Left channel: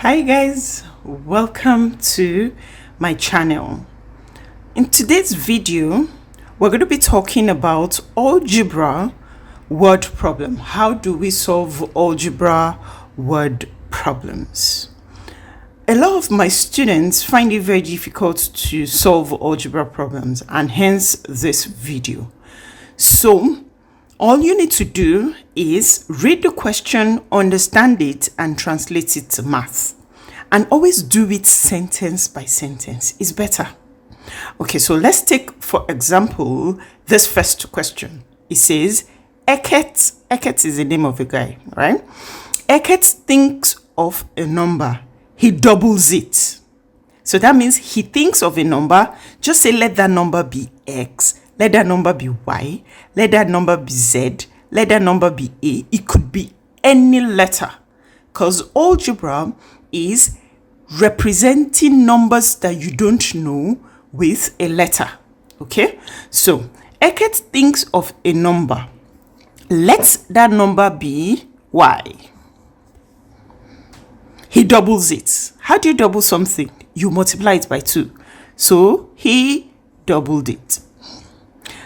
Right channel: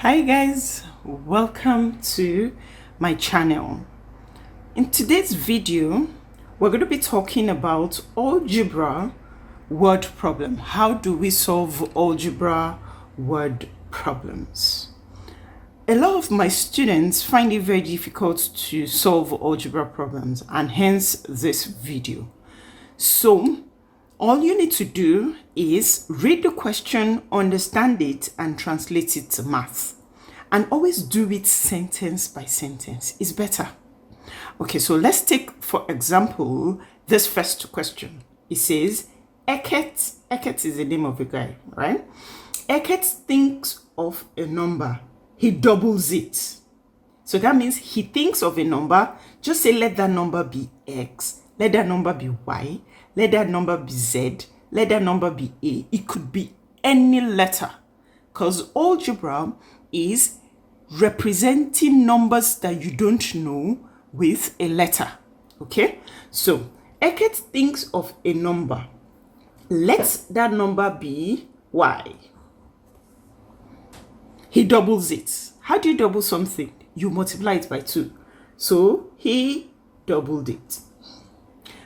Hi guys, welcome to my channel. In today's video, we're going to be talking about algebra word problem. How do we solve algebra word problems? A lot of my students find it very difficult to solve algebra problems, and hence this video. So all you need to do is read the question, understand it, and translate it to math. And always do it sentence by sentence. It's better. Okay, so let's take, for example, this first question. It says, Eket is the name of a guy, right? Eket thinks of a number. He doubles it. So that means he thinks of a number. Just say, let that number be X. Let that number be Y. Let that number be Z. Let that number be A. It could be any letter, because algebra is representing numbers that you don't know with a letter. Okay, so Eket thinks of a number. Let that number be Y. He doubles it. How do you double something? You multiply it by 2. So he doubled it.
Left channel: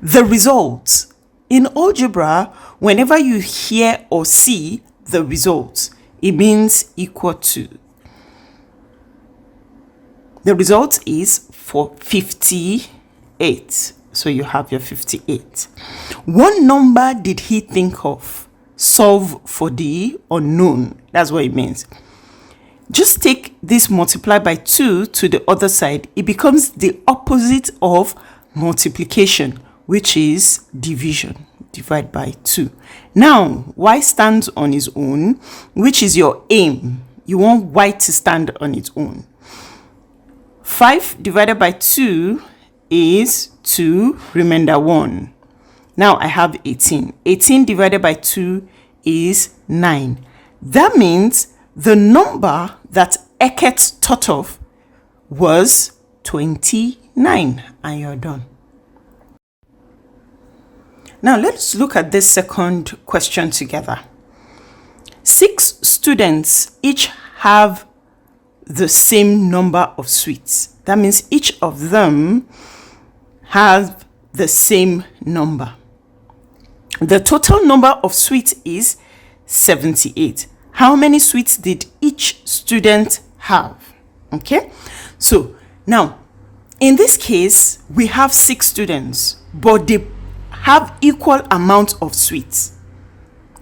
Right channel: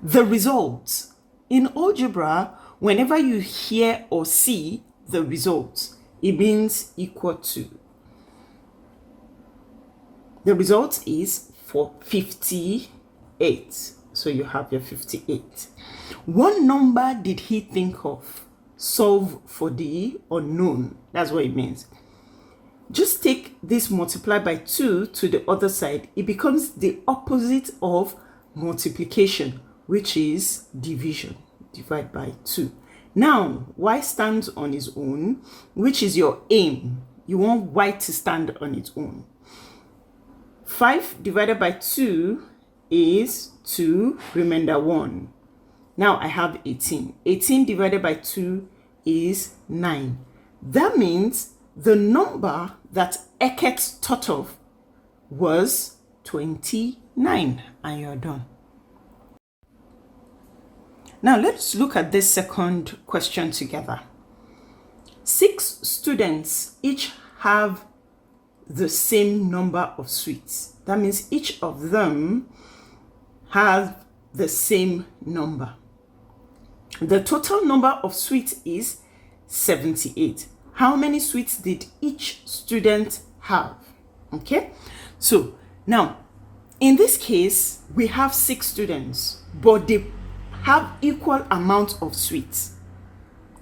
The result. In algebra, whenever you hear or see the result, it means equal to. The result is for 58. So you have your 58. What number did he think of? Solve for the unknown. That's what it means. Just take this multiply by 2 to the other side. It becomes the opposite of multiplication, which is division. Divide by 2. Now, Y stands on its own, which is your aim. You want Y to stand on its own. 5 divided by 2 is 2, remainder 1. Now I have 18. 18 divided by 2 is 9. That means the number that Eket thought of was 29, and you're done. Now let's look at this second question together. 6 students each have the same number of sweets. That means each of them have the same number. The total number of sweets is 78. How many sweets did each student have? Okay, so now in this case we have 6 students, but they have equal amount of sweets.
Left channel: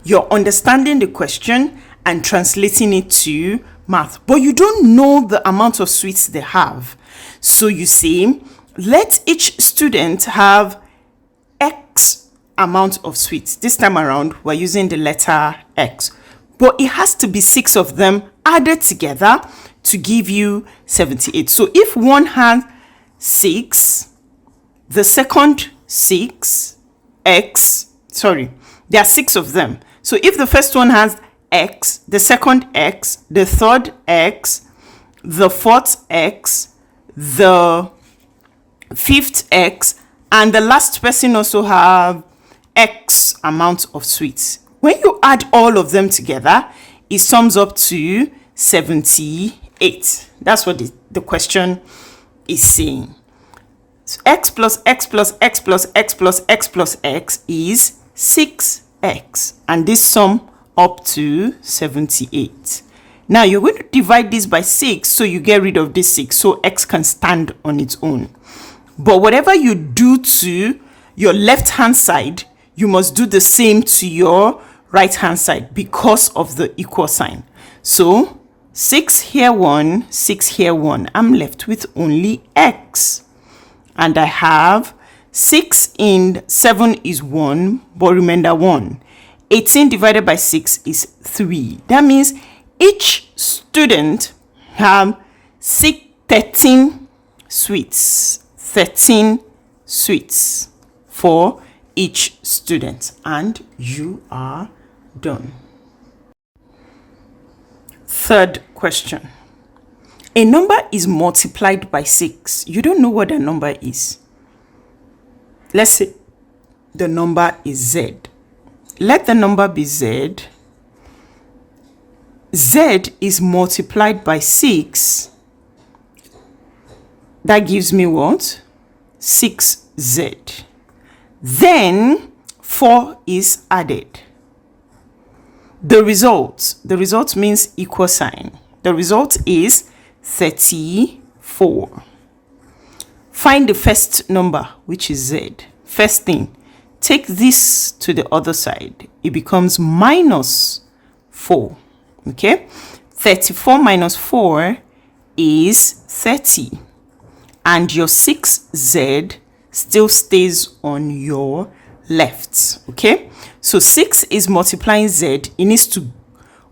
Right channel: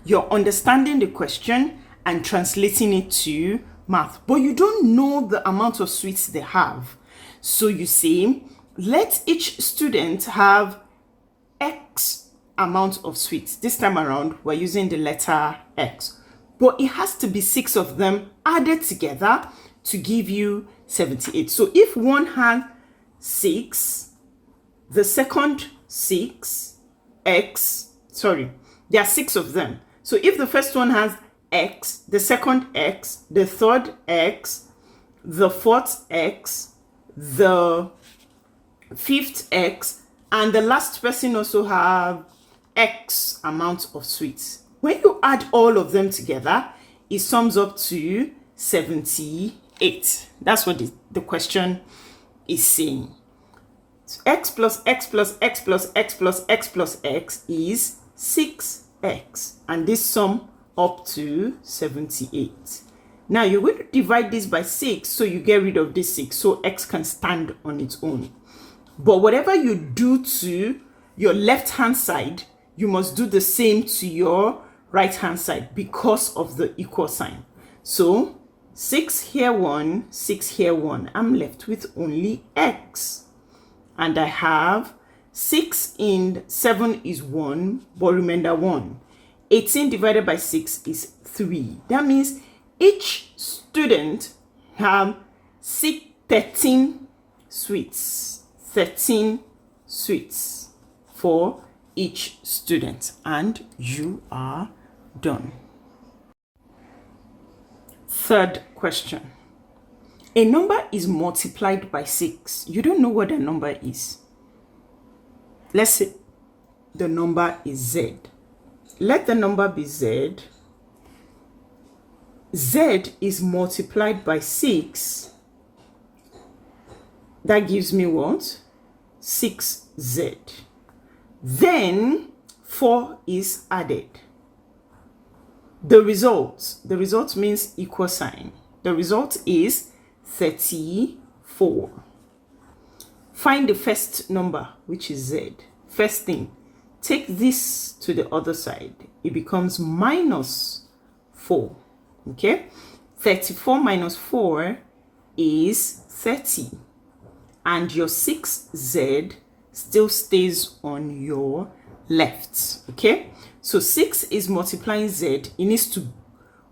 You're understanding the question and translating it to math, but you don't know the amount of sweets they have. So you say, let each student have X amount of sweets. This time around, we're using the letter X, but it has to be 6 of them added together to give you 78. So if one has 6, the second 6, X, sorry, there are 6 of them. So if the first one has X, the second X, the third X, the fourth X, the fifth X, and the last person also have X amount of sweets. When you add all of them together, it sums up to 78. That's what the question is saying. So X plus X plus X plus X plus X plus X is 6X, and this sum up to 78. Now you're going to divide this by 6, so you get rid of this 6, so X can stand on its own. But whatever you do to your left hand side, you must do the same to your right hand side because of the equal sign. So 6 here 1, 6 here 1. I'm left with only X. And I have 6 in 7 is 1, but remainder 1. 18 divided by 6 is 3. That means each student have 13 sweets. 13 sweets for each student. And you are done. Third question. A number is multiplied by 6. You don't know what the number is. Let's say the number is Z. Let the number be Z. Z is multiplied by 6. That gives me what? 6Z. Then 4 is added. The result means equal sign. The result is 34. Find the first number, which is Z. First thing, take this to the other side. It becomes minus 4. Okay? 34 minus 4 is 30. And your 6Z still stays on your left. Okay? So 6 is multiplying Z. It needs to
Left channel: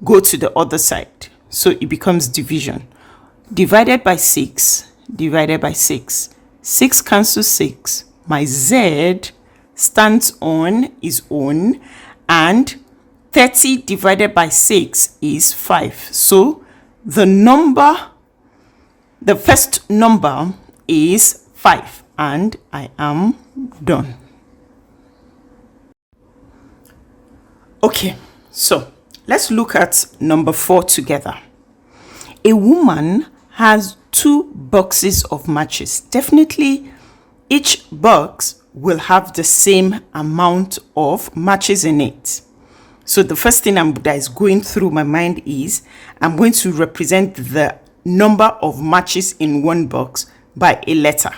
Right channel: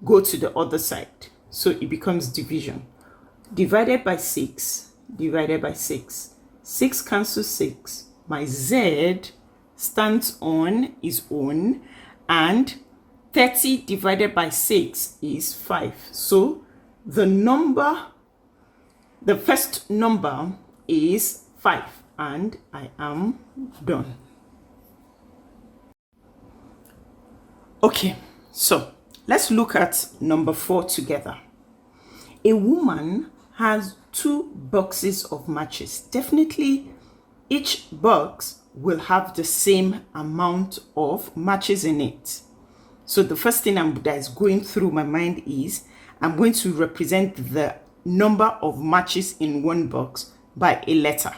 go to the other side. So it becomes division. Divided by 6. Divided by 6. 6 cancels 6. My Z stands on its own. And 30 divided by 6 is 5. So the first number is 5. And I am done. Okay, so let's look at number 4 together. A woman has 2 boxes of matches. Definitely, each box will have the same amount of matches in it. So the first thing that is going through my mind is I'm going to represent the number of matches in one box by a letter.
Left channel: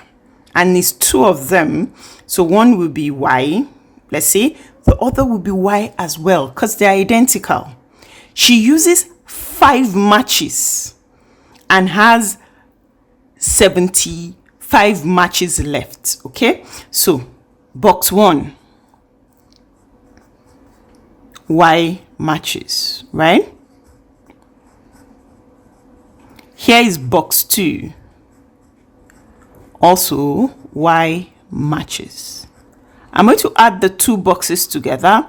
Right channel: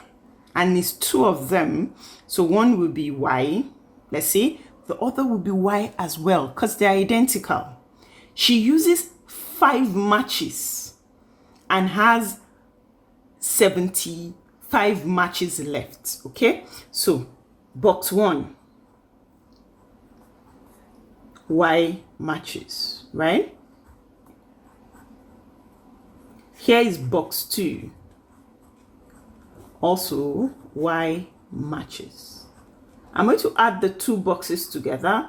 And it's 2 of them. So one will be Y, let's say. The other will be Y as well because they're identical. She uses 5 matches and has 75 matches left. Okay, so box 1, Y matches, right? Here is box 2, also Y matches. I'm going to add the 2 boxes together.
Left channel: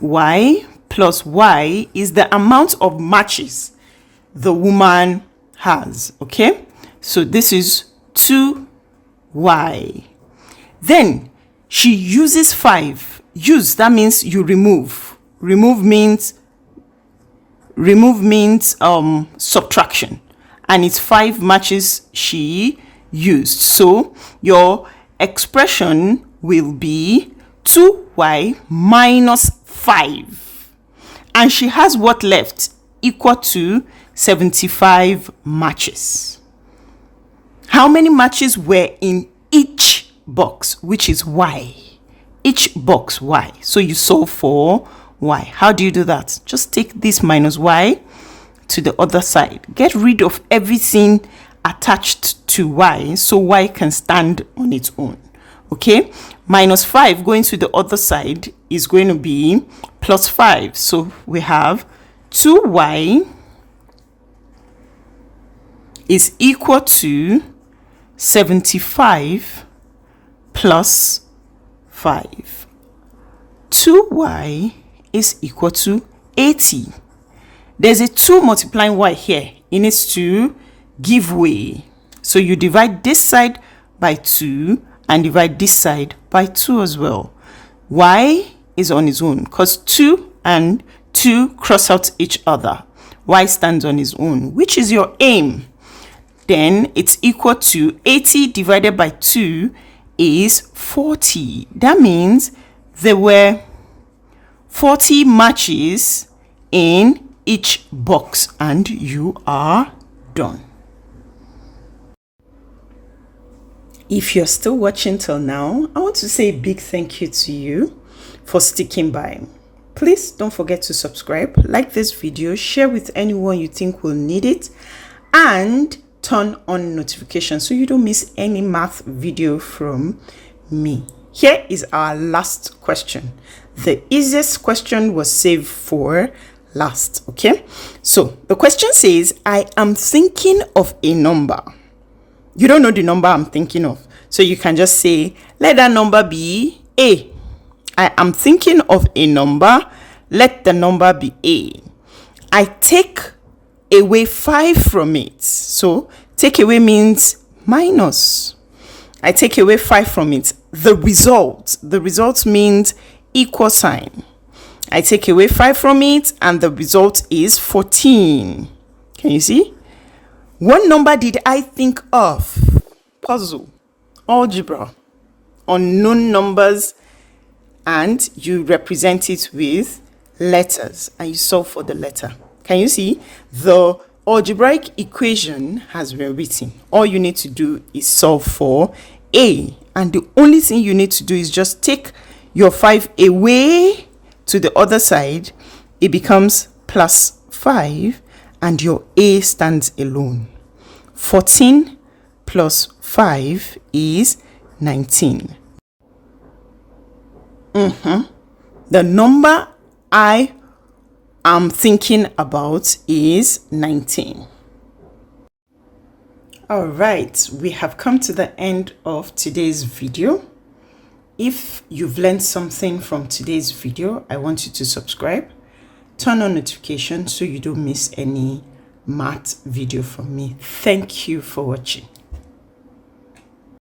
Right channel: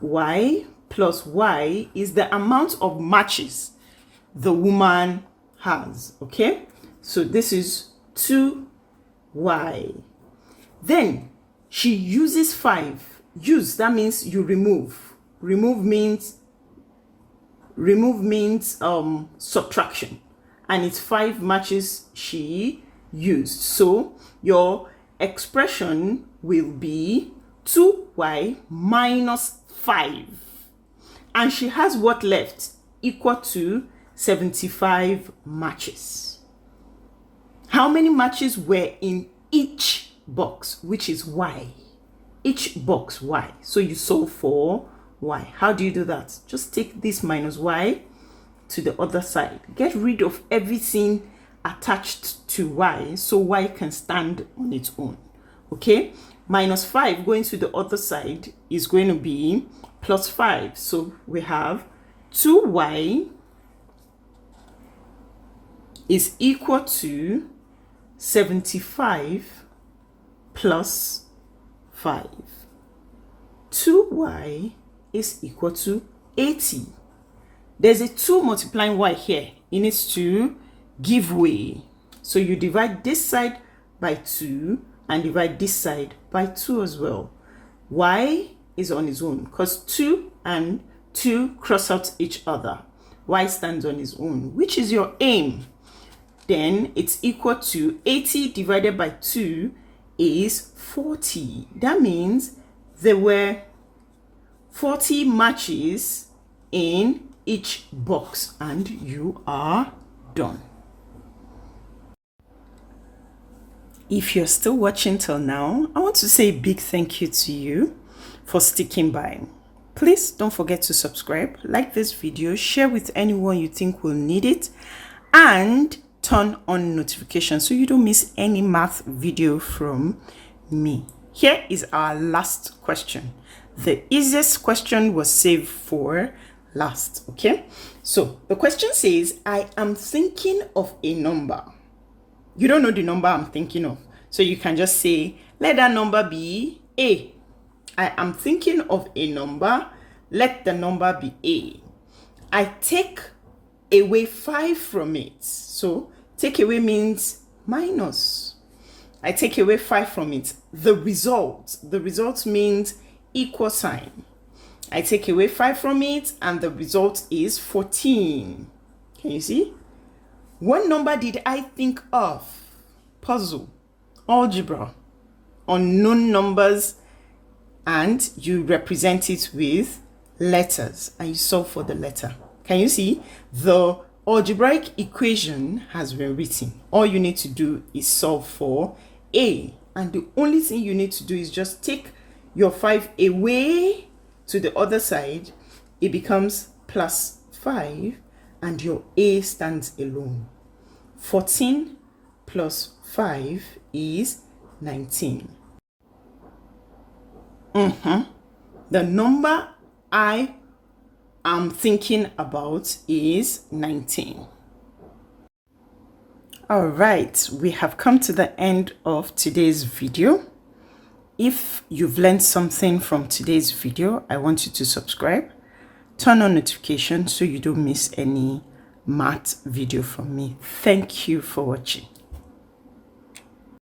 Y plus Y is the amount of matches the woman has. Okay, so this is 2Y. Then she uses 5. Use, that means you remove. Remove means subtraction. And it's 5 matches she used. So your expression will be 2Y minus 5. And she has what left? Equal to 75 matches. How many matches were in each box, which is Y? Each box, Y. So you solve for Y. How do you do that? Just take this minus Y to the other side. Get rid of everything attached to Y so Y can stand on its own. Okay, minus 5 going to the other side is going to be plus 5. So we have 2Y is equal to 75 plus 5. 2Y is equal to 80. There's a 2 multiplying Y here. It needs to give way. So you divide this side by 2 and divide this side by 2 as well. Y is on its own because 2 and 2 cross out each other. Y stands on its own, which is your aim. Then it's equal to 80 divided by 2 is 40. That means there were 40 matches in each box and you are done. If you're still watching till now, I want to say a big thank you to you for sticking by. Please don't forget to subscribe, like this video, share with anyone you think will need it, and turn on notifications so you don't miss any math video from me. Here is our last question. The easiest question was saved for last, okay? So the question says, I am thinking of a number. You don't know the number I'm thinking of. So you can just say, let that number be A. I am thinking of a number. Let the number be A. I take away 5 from it. So take away means minus. I take away 5 from it. The result means equal sign. I take away 5 from it, and the result is 14. Can you see? What number did I think of? Puzzle, algebra, unknown numbers, and you represent it with letters, and you solve for the letter. Can you see? The algebraic equation has been written. All you need to do is solve for A, and the only thing you need to do is just take your 5 away to the other side. It becomes plus 5, and your A stands alone. 14 plus 5 is 19. The number I am thinking about is 19. All right, we have come to the end of today's video. If you've learned something from today's video, I want you to subscribe, turn on notifications so you don't miss any math video from me. Thank you for watching.